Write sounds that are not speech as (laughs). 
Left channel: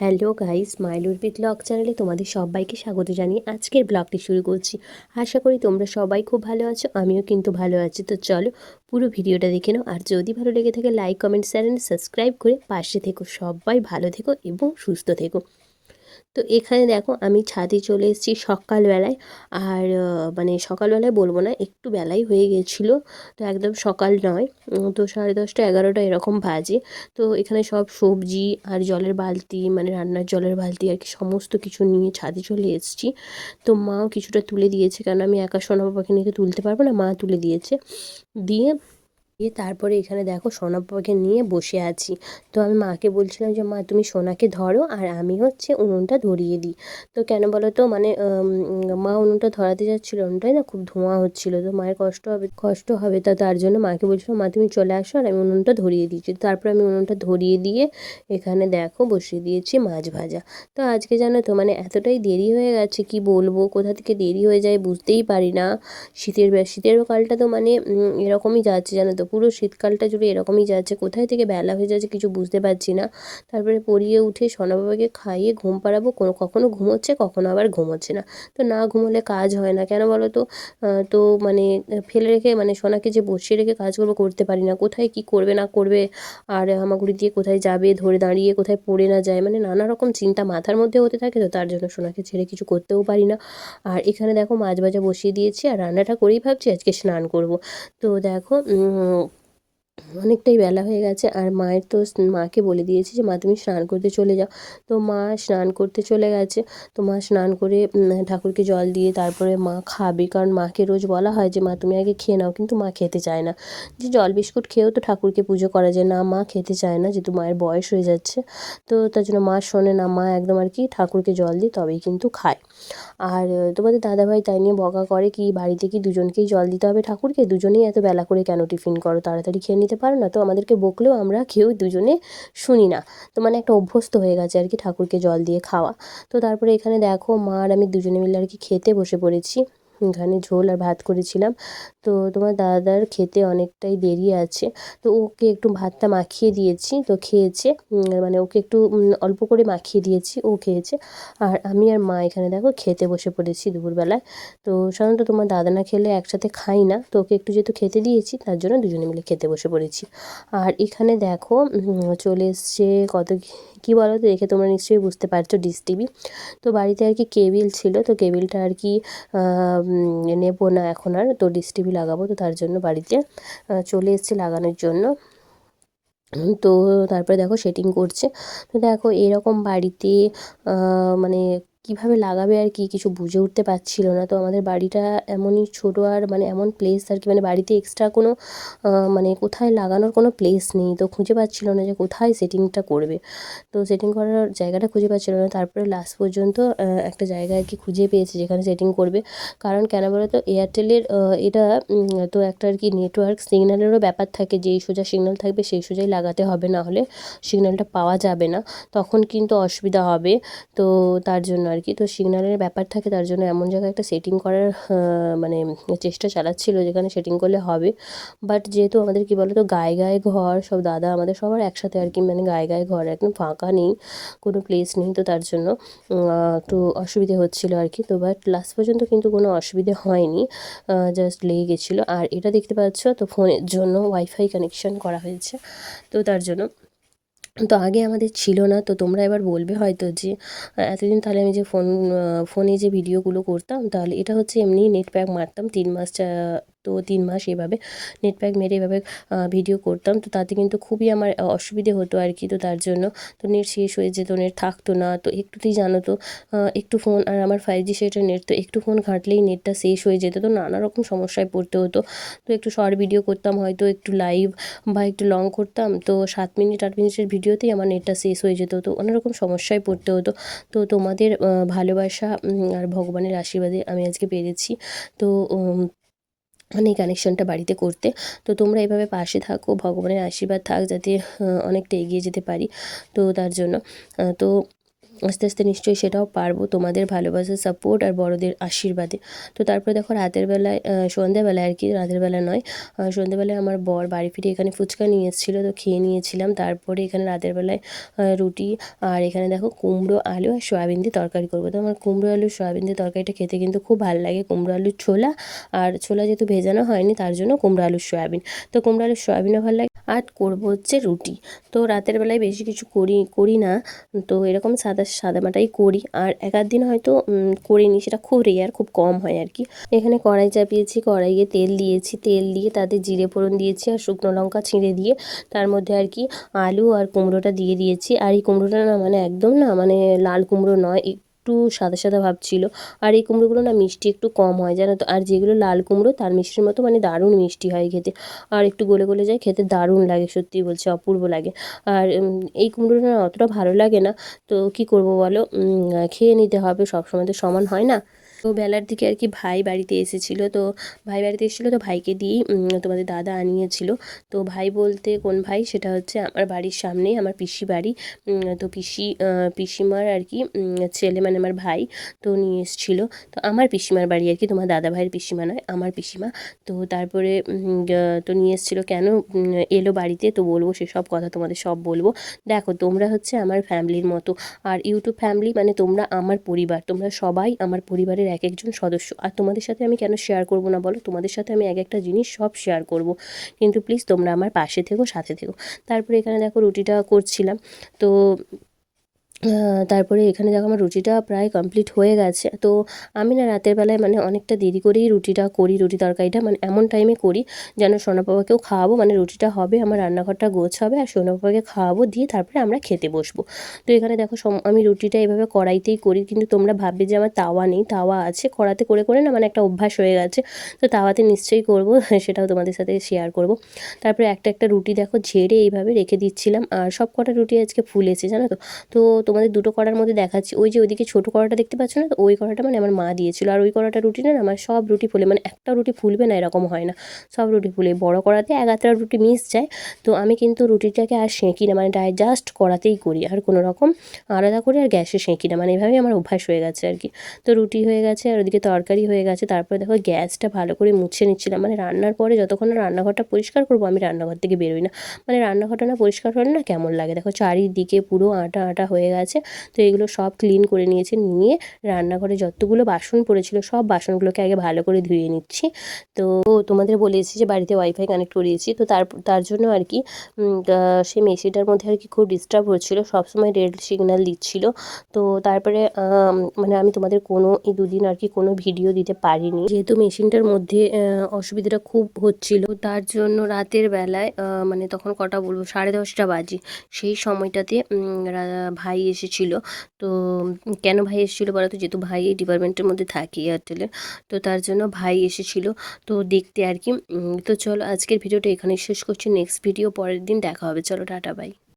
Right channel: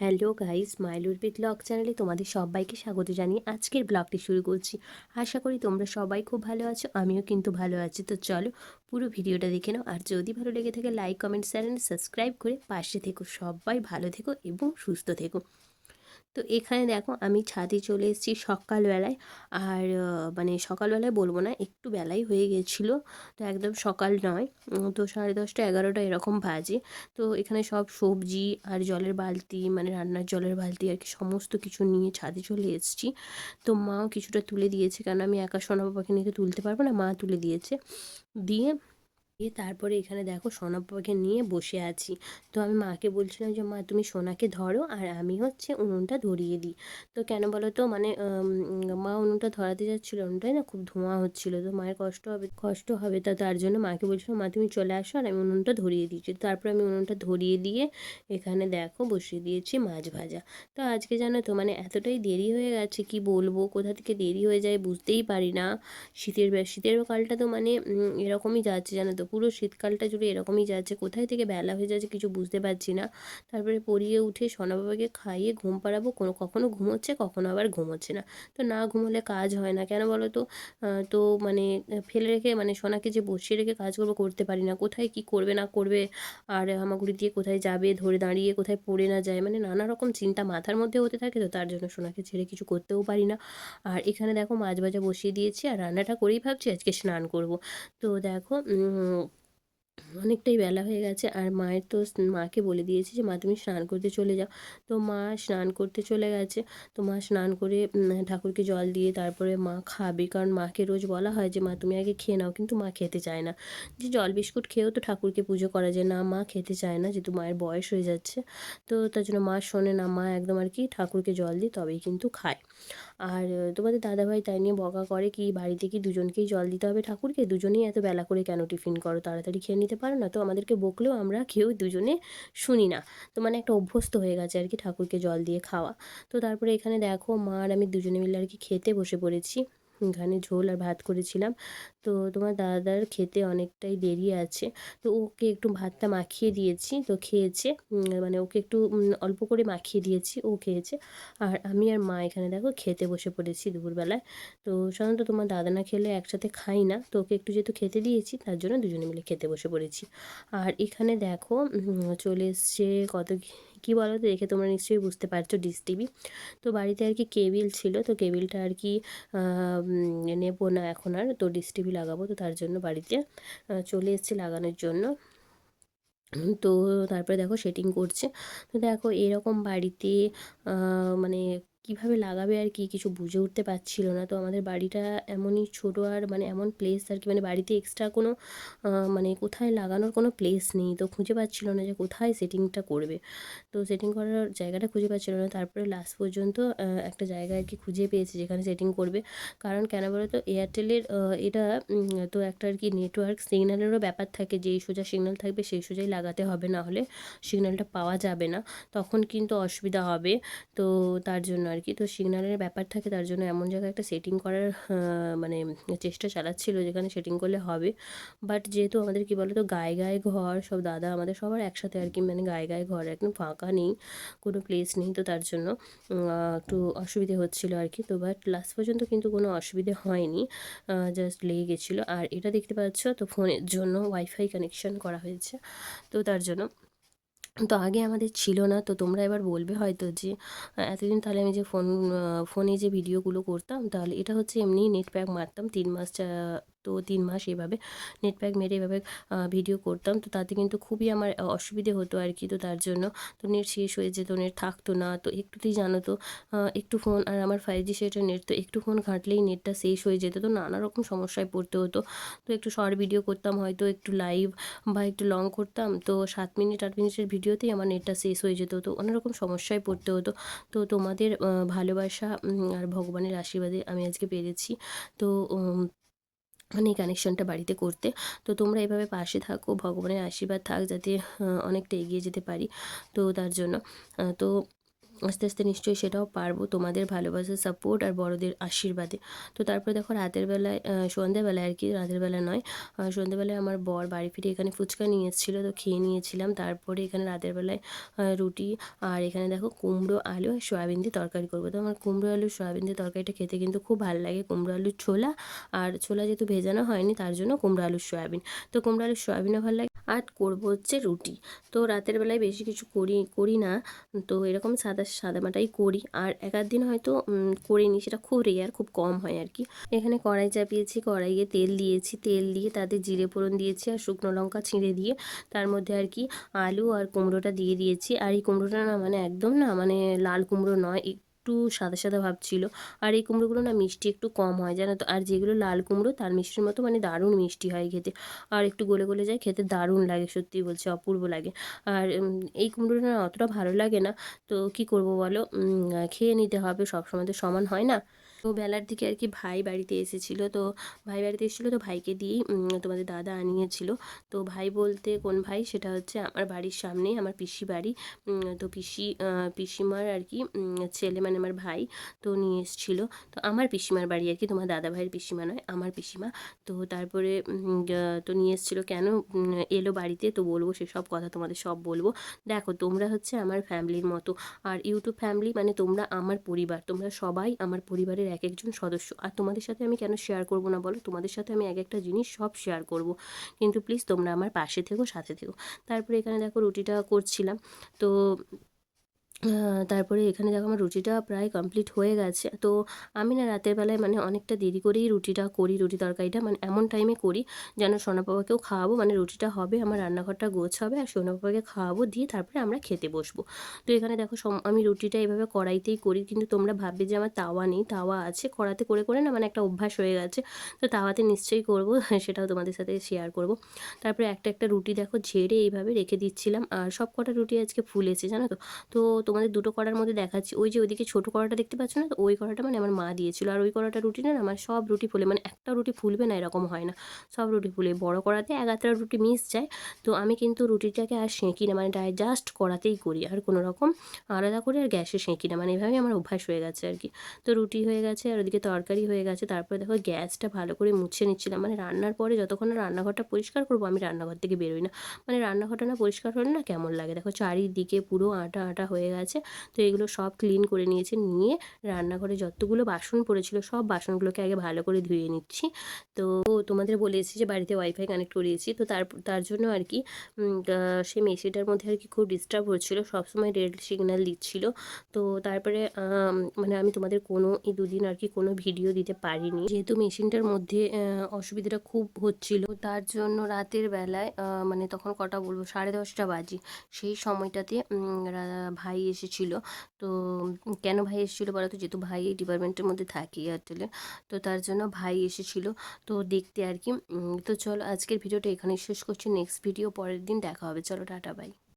Hello guys মাইলুর B blog চ্যানেলে তোমাদের সবাইকে স্বাগত জানিয়ে আজকের ব্লগটি শুরু করছি। আশা করি তোমরা সবাই খুব ভালো আছো, আমিও কিন্তু ভালো আছি। তো চলো পুরো ভিডিওটা দেখে নাও। আর যদি ভালো লেগে থাকে, লাইক, কমেন্ট চ্যানেল সাবস্ক্রাইব করে পাশে থেকো। সবাই ভালো থেকো এবং সুস্থ থেকো। তো এখানে দেখো আমি ছাদে চলে এসেছি সকালবেলায়। আর মানে সকালবেলায় বলব না, একটু বেলাই হয়ে গেছিল। তো একদম সকাল নয় তো সাড়ে দশটা এগারোটা এরকম বাজে। তো এখানে সব সবজি আর জলের বালতি মানে রান্নার জলের বালতি আর কি সমস্ত কিছু নিয়ে ছাদে চলে এসেছি। তো মাও কিছুটা তুলে দিয়েছে কারণ আমি একা সোনা বাবাকে নিয়ে তুলতে পারব না, মা তুলে দিয়েছে। দিয়ে দিয়ে তারপরে এখানে দেখো সোনা পাপাকে নিয়ে বসে আছি। তো আমি মাকে বলছিলাম যে, মা, তুমি সোনাকে ধরো আর আমি হচ্ছে উনুনটা ধরিয়ে দিই। তো কেন বলো তো মানে মা উনুনটা ধরাতে যাচ্ছিল উনুনটাই না, খুব ধোঁয়া হচ্ছিল। তো মায়ের কষ্ট হবে কষ্ট হবে তা, তার জন্য মাকে বলছিলাম, মা, তুমি চলে আসো আর আমি উনুনটা ধরিয়ে দিয়েছি তারপর আমি উনুনটা ধরিয়ে দিয়ে এখানে দেখো বসিয়ে দিয়েছি মাছ ভাজা। তো আজকে জানো তো মানে এতটাই দেরি হয়ে গেছে, কি বলব? কোথা থেকে দেরি হয়ে যায় বুঝতেই পারি না। শীতের শীতের কালটা তো মানে এরকমই যাচ্ছে জানো তো পুরো শীতকালটা জুড়ে এরকমই যাচ্ছে। কোথায় থেকে বেলা হয়ে যাচ্ছে কিছু বুঝতে পারছি না। তারপরে পড়িয়ে উঠে সোনা বাবাকে খাইয়ে ঘুম পাড়াবো। কোনো কখনো ঘুমোচ্ছে, কখনো আবার ঘুমোচ্ছে না। তো না ঘুমোলে কাজ হয় না। কেন বলো তো? তো মানে ফেলে রেখে মানে সোনাকে যে বসিয়ে রেখে কাজ করব করতে পারি না। কোথায় কি করবে, না করবে? আর হামাগুড়ি দিয়ে কোথায় যাবে, ধরে দাঁড়িয়ে কোথায় পড়ে না যায়? মানে নানা রকম চিন্তা মাথার মধ্যে হতে থাকে তো তার জন্য সোনাকে ছেড়ে কিছু করতেও পারি না। আর এখানে দেখো মাছ ভাজা বসিয়ে দিয়েছি। আর রান্নাটা করেই ভাবছি আজকে স্নান করব। তো দেখো অনেকটাই বেলা হয়ে গেছে আর মায়ের তো মাকে বলে দিয়েছি যে, মা, তুমি স্নান করতে চলে যাও। তো মা স্নান করতে চলে গেছে। তো মা স্নান করে ঠাকুরকে জল দিয়ে তারপরে মা খাবে। কারণ মাকে রোজ বলা হয় যে, মা, তুমি আগে খেয়ে নাও। কিন্তু মা খেতে চায় না। যে জল বিস্কুট খেয়েও তো ঠাকুরকে পুজো করা যায় না। মা খেতে চায় না, যেহেতু মায়ের বয়স হয়ে যাচ্ছে। তো তার জন্য মা শোনে না, মা একদম আর কি ঠাকুরকে জল দিয়ে তবেই কিন্তু খায়। আর তোমাদের দাদাভাই তাই নিয়ে বকা করে কি, বাড়িতে কি দুজনকেই জল দিতে হবে ঠাকুরকে? দুজনেই এত বেলা করে কেন টিফিন করো? তাড়াতাড়ি খেয়ে নিতে পারো না, তো আমাদেরকে বকলেও আমরা কেউ দুজনে শুনি না। তো মানে একটা অভ্যস্ত হয়ে গেছে আর কি ঠাকুরকে জল দিয়ে খাওয়া। তো তারপরে এখানে দেখো মা আর আমি দুজনে মিলে আর কি খেতে বসে পড়েছি। এখানে ঝোল আর ভাত করেছিলাম। তো তোমার দাদার খেতে অনেকটাই দেরি আছে। তো ওকে একটু ভাতটা মাখিয়ে দিয়েছি। তো খেয়েছে মানে ওকে একটু অল্প করে মাখিয়ে দিয়েছি, ও খেয়েছে। আর আমি আর মা এখানে দেখো খেতে বসে পড়েছি দুপুরবেলায়। তো সাধারণত তোমার দাদা না খেলে একসাথে খাই না। তো ওকে একটু যেহেতু খেতে দিয়েছি, তার জন্য দুজনে মিলে খেতে বসে পড়েছি। আর এখানে দেখো চলে এসছে কত কী বলো তো দেখে তোমরা নিশ্চয়ই বুঝতে পারছ ডিস টিভি। তো বাড়িতে আর কি কেবিল ছিল। তো কেবিলটা আর কি নেব না এখন আর। তো ডিস টিভি লাগাবো, তো তার জন্য বাড়িতে চলে এসেছি লাগানোর জন্য। তো তারপরে দেখো সেটিং করছে। তো দেখো এরকম বাড়িতে মানে কীভাবে লাগাবে আর কি কিছু বুঝে উঠতে পারছিল না। তো আমাদের বাড়িটা এমনই ছোটো আর মানে এমন প্লেস আর কি মানে বাড়িতে এক্সট্রা কোনো মানে কোথায় লাগানোর কোনো প্লেস নেই। তো খুঁজে পাচ্ছিল না যে কোথায় সেটিংটা করবে। তো সেটিং করার জায়গাটা খুঁজে পাচ্ছিল না। তারপরে লাস্ট পর্যন্ত একটা জায়গা আর কি খুঁজে পেয়েছে যেখানে সেটিং করবে। কারণ কেন বলো তো এয়ারটেলের এটা তো একটা আর কি নেটওয়ার্ক সিগন্যালেরও ব্যাপার থাকে। যেই সোজা সিগন্যাল থাকবে সেই সোজাই লাগাতে হবে না হলে সিগন্যালটা পাওয়া যাবে না। তখন কিন্তু অসুবিধা হবে। তো তার জন্য আর কি তো সিগনালের ব্যাপার থাকে, তার জন্য এমন জায়গায় একটা সেটিং করার মানে চেষ্টা চালাচ্ছিল যেখানে সেটিং করলে হবে। বাট যেহেতু আমাদের কী বলো তো গায়ে গায়ে ঘর, সব দাদা আমাদের সবার একসাথে আর কি মানে গায়ে গায়ে ঘর, একদম ফাঁকা নেই, কোনো প্লেস নেই, তো তার জন্য একটু অসুবিধে হচ্ছিল আর কি। তো বাট লাস্ট পর্যন্ত কিন্তু কোনো অসুবিধে হয়নি জাস্ট লেগে গেছিল। আর এটা দেখতে পাচ্ছ, তো ফোনের জন্য ওয়াইফাই কানেকশান করা হয়েছে, তো তার জন্য তো আগে আমাদের ছিল না, তো তোমরা এবার বলবে হয়তো যে এতদিন তাহলে আমি যে ফোন ফোনে যে ভিডিওগুলো করতাম, তাহলে এটা হচ্ছে এমনি নেট প্যাক মারতাম তিন মাস তো তিন মাস এভাবে নেট প্যাক মেরে এভাবে ভিডিও করতাম। তো তাতে কিন্তু খুবই আমার অসুবিধে হতো আর কি। তো তার জন্য তো নেট শেষ হয়ে যেত নেট থাকতো না। তো একটুতেই জানো তো একটু ফোন আর আমার ফাইভ জি সেটা নেট তো একটু ফোন ঘাঁটলেই নেটটা শেষ হয়ে যেত। তো নানা রকম সমস্যায় পড়তে হতো। তো একটু শর্ট ভিডিও করতাম, হয়তো একটু লাইভ বা একটু লং করতাম। তো সাত মিনিট, আট মিনিটের ভিডিওতেই আমার নেটটা শেষ হয়ে যেত। তো অনেক রকম সমস্যায় পড়তে হতো। তো তোমাদের ভালোবাসা আর ভগবানের আশীর্বাদে আমি আজকে পেরেছি। তো মানে এই কানেকশানটা বাড়িতে করতে। তো তোমরা এভাবে পাশে থাকো, ভগবানের আশীর্বাদ থাক যাতে অনেকটা এগিয়ে যেতে পারি। তো তার জন্য তো আস্তে আস্তে নিশ্চয়ই সেটাও পারব তোমাদের ভালোবাসা সাপোর্ট আর বড়দের আশীর্বাদে। তো তারপরে দেখো রাতের বেলায় সন্ধ্যাবেলায় আর কি, রাতের বেলা নয় সন্ধ্যাবেলায় আমার বর বাড়ি ফিরে এখানে ফুচকা নিয়ে এসেছিল, তো খেয়ে নিয়েছিলাম। তারপরে এখানে রাতের বেলায় রুটি আর এখানে দেখো কুমড়ো আলু আর সয়াবিন দিয়ে তরকারি করব। তো আমার কুমড়ো আলু, সয়াবিন দিয়ে তরকারিটা খেতে কিন্তু খুব ভালো লাগে। কুমড়ো আলুর ছোলা আর ছোলা যেহেতু ভেজানো হয়নি, তার জন্য কুমড়ো আলুর সয়াবিন। তো কুমড়ো আলুর সয়াবিনও ভালো লাগে আর করব হচ্ছে রুটি। তো রাতের বেলায় বেশি কিছু করি করি না। তো এরকম সাদা সাদামাটাই করি। আর এক আধ দিন হয়তো করে করিনি, সেটা খুব রেয়ার খুব কম হয় আর কি এখানে কড়াই চাপিয়েছি, কড়াইয়ে তেল দিয়েছি। তেল দিয়ে তাতে জিরে ফোড়ন দিয়েছি আর শুকনো লঙ্কা ছিঁড়ে দিয়ে তার মধ্যে আর কি আলু আর কুমড়োটা দিয়ে দিয়েছি। আর এই কুমড়োটা না মানে একদম না মানে লাল কুমড়ো নয় একটু সাদা সাদা ভাব ছিল। আর এই কুমড়োগুলো না মিষ্টি একটু কম হয়, জানো তো? আর যেগুলো লাল কুমড়ো, তার মিষ্টির মতো মানে দারুণ মিষ্টি হয় খেতে। আর একটু গলে গলে যায়, খেতে দারুণ লাগে, সত্যি বলছি, অপূর্ব লাগে। আর এই কুমড়োটা না অতটা ভালো লাগে না। তো কি করব বলো? খেয়ে নিতে হবে, সবসময় তো সমান হয় না। তো বেলার দিকে আর কি ভাই বাড়িতে এসেছিল। তো ভাই বাড়িতে এসেছিল তো ভাইকে দিয়েই তোমাদের দাদা আনিয়েছিল। তো ভাই বলতে কোন ভাই? সেটা হচ্ছে আমার বাড়ির সামনেই আমার পিসি বাড়ি। তো পিসি পিসিমার আর কি ছেলে মানে আমার ভাই, তো নিয়ে এসেছিল। তো আমার পিসিমার বাড়ি আর কি, তোমার দাদা ভাইয়ের পিসিমা নয়, আমার পিসিমা। তো তারপরে তো নিয়ে এসেছিল কেন? এলো বাড়িতে, তো বলব সেসব কথা তোমাদের সব বলব। দেখো, তোমরা হচ্ছে আমার ফ্যামিলির মতো। আর ইউটিউব ফ্যামিলি মানে তোমরা আমার পরিবার, তোমরা সবাই আমার পরিবারের এক একজন সদস্য। আর তোমাদের সাথে আমি কেন শেয়ার করব না বলো? তোমাদের সাথে আমি এক একটা জিনিস সব শেয়ার করব। কিন্তু প্লিজ তোমরা আমার পাশে থেকো, সাথে থেকো। তারপরে এখানে দেখো রুটিটা করছিলাম। তো তারপরে এখানে দেখো আমার রুটিটা প্রায় কমপ্লিট হয়ে গেছে। তো আমি না রাতের বেলায় মানে অনেকটা দেরি করেই রুটিটা করি, রুটি তরকারিটা মানে এমন টাইমে করি যেন সোনা বাবাকেও খাওয়াবো মানে রুটিটা হবে, আমার রান্নাঘরটা গোছ হবে আর সোনা বাবাকে খাওয়াবো, দিয়ে তারপরে আমরা খেতে বসবো। তো এখানে দেখো আমি রুটিটা এভাবে কড়াইতেই করি, কিন্তু তোমরা ভাববে যে আমার তাওয়া নেই, তাওয়া আছে, কড়াতে করে করে না মানে একটা অভ্যাস হয়ে গেছে। তো তাওয়াতে নিশ্চয়ই করব, (laughs) সেটাও তোমাদের সাথে শেয়ার করব। তারপরে একটা একটা রুটি দেখো ঝেড়ে এইভাবে রেখে দিচ্ছিলাম, আর সব কটা রুটি আজকে ফুলেছে, জানো তো? তো তোমাদের দুটো কড়ার মধ্যে দেখাচ্ছি। ওই যে ওইদিকে ছোটো কড়াটা দেখতে পাচ্ছ না? তো ওই কড়াটা মানে আমার মা দিয়েছিল। আর ওই কড়াটা রুটি না আমার সব রুটি ফুলে মানে একটা রুটি ফুলবে না এরকম হয় না। সব রুটি ফুলে। বড় কড়াতে এক আধটা রুটি মিস যায়। তো আমি কিন্তু রুটিটাকে আর সেঁকি না মানে জাস্ট কড়াতেই করি। আর কোনো রকম আলাদা করে আর গ্যাসে সেঁকি না মানে এভাবেই আমার অভ্যাস হয়ে গেছে আর কি। তো রুটি হয়ে গেছে, আর ওদিকে তরকারি হয়ে গেছে। তারপরে দেখো গ্যাসটা ভালো করে মুছে নিচ্ছিলাম। মানে রান্নার পরে যতক্ষণ রান্নাঘরটা পরিষ্কার করব, আমি রান্নাঘর থেকে বেরোই না। মানে রান্নাঘরটা না পরিষ্কার হলে না কেমন লাগে? দেখো চারিদিকে পুরো আটা আটা হয়ে গেছে। তো এগুলো সব ক্লিন করে নিয়েছি, নিয়ে রান্নাঘরে যতগুলো বাসন পড়েছিল সব বাসনগুলোকে আগে ভালো করে ধুয়ে নিচ্ছি। তো তোমাদের বলেছি যে বাড়িতে ওয়াইফাই কানেক্ট করিয়েছি, তো তার তার জন্য আর কি সেই মেশিনটার মধ্যে আর কি খুব ডিস্টার্ব হচ্ছিল, সবসময় রেড সিগন্যাল দিচ্ছিল। তো তারপরে মানে আমি তোমাদের কোনো এই দুদিন আর কি কোনো ভিডিও দিতে পারিনি। যেহেতু মেশিনটার মধ্যে অসুবিধাটা খুব হচ্ছিল তার জন্য রাতের বেলায় মানে তখন কটা বলব? সাড়ে দশটা বাজি। সেই সময়টাতে ভাই এসেছিল। তো কেন ভাই এসেছিল বলো তো? যেহেতু ভাই এই ডিপার্টমেন্টের মধ্যে থাকে এয়ারটেলে তো তার জন্য ভাই এসেছিল। তো দেখতে আর কি। তো চলো আজকের ভিডিওটা এখানে শেষ করছি। নেক্সট ভিডিও পরের দিন দেখা হবে। চলো, টাটা বাই